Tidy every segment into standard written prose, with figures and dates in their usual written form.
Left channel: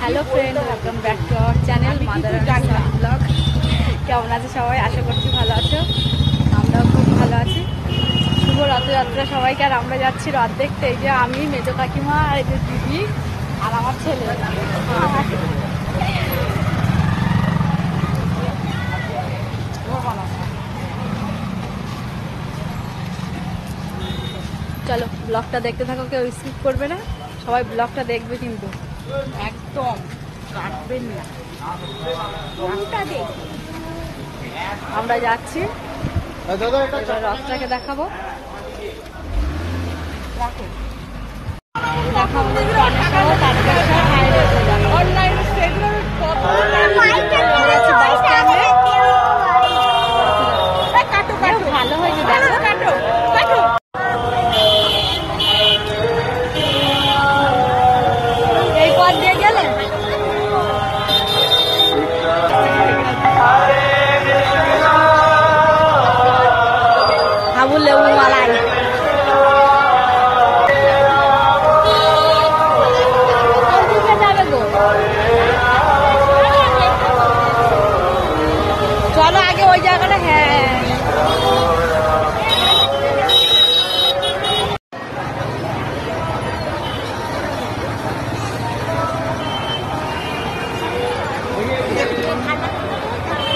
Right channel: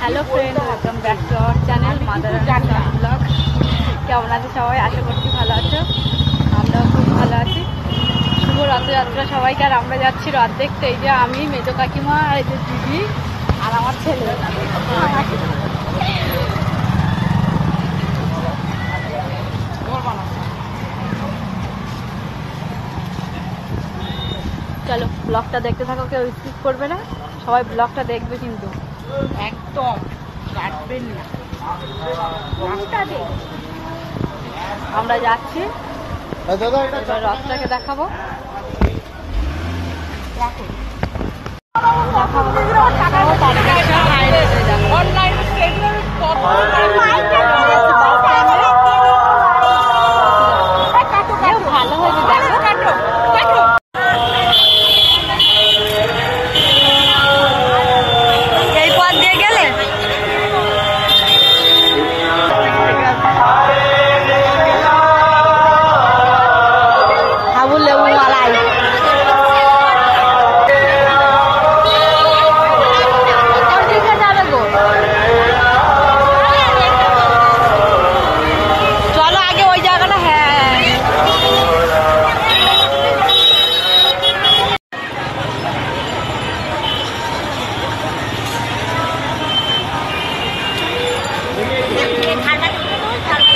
Hello friend, welcome back to our channel mother and son vlog. কেমন আছে সবাই? আশা করছি ভালো আছো। আমরাও খুব ভালো আছি। শুভ রথযাত্রা সবাইকে। আর আমরা যাচ্ছি রথ দেখতে। এই যে আমি, মেজো কাকিমা, এই যে দিদি আর আমার ছেলে। চলো ব্লগটা দেখতে থাকো, কেউ স্কিপ করবে না, সবাই ব্লগটা দেখবে কিন্তু একদম কাটবেন না। আমরা যাচ্ছি, রথটাকে দেখাবো। দেখাবো ভালো হয়েছে, দেখো এই পথ দিয়ে গেলে হাবুল লেবু মালাই। চলো আগে ওই জায়গাটা। হ্যাঁ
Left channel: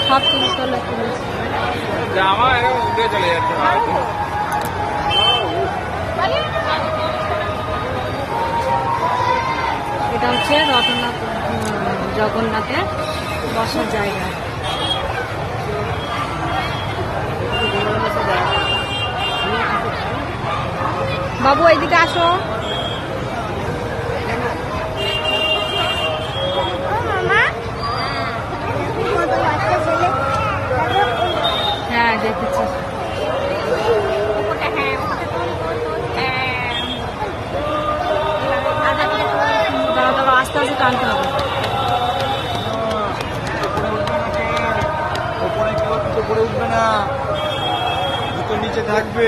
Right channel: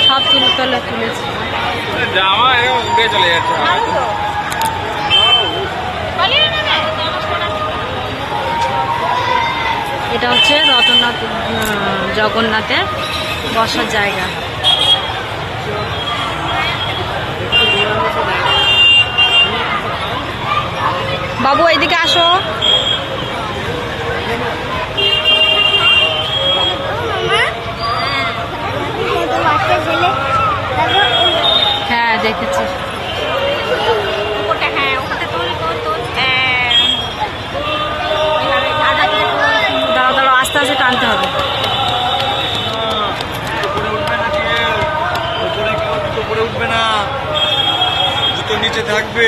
সব তুলেছি। জামা উড়ে চলে যাচ্ছে। এটা হচ্ছে রতনাথ জগন্নাথের বসার জায়গা। বাবু এইদিকে আসো। হ্যাঁ দেখেছি। দাঁড়াও দাঁড়াও, আস্তে আস্তে টানতে হবে। উপরে উঠবে না, জুতো নিচে থাকবে।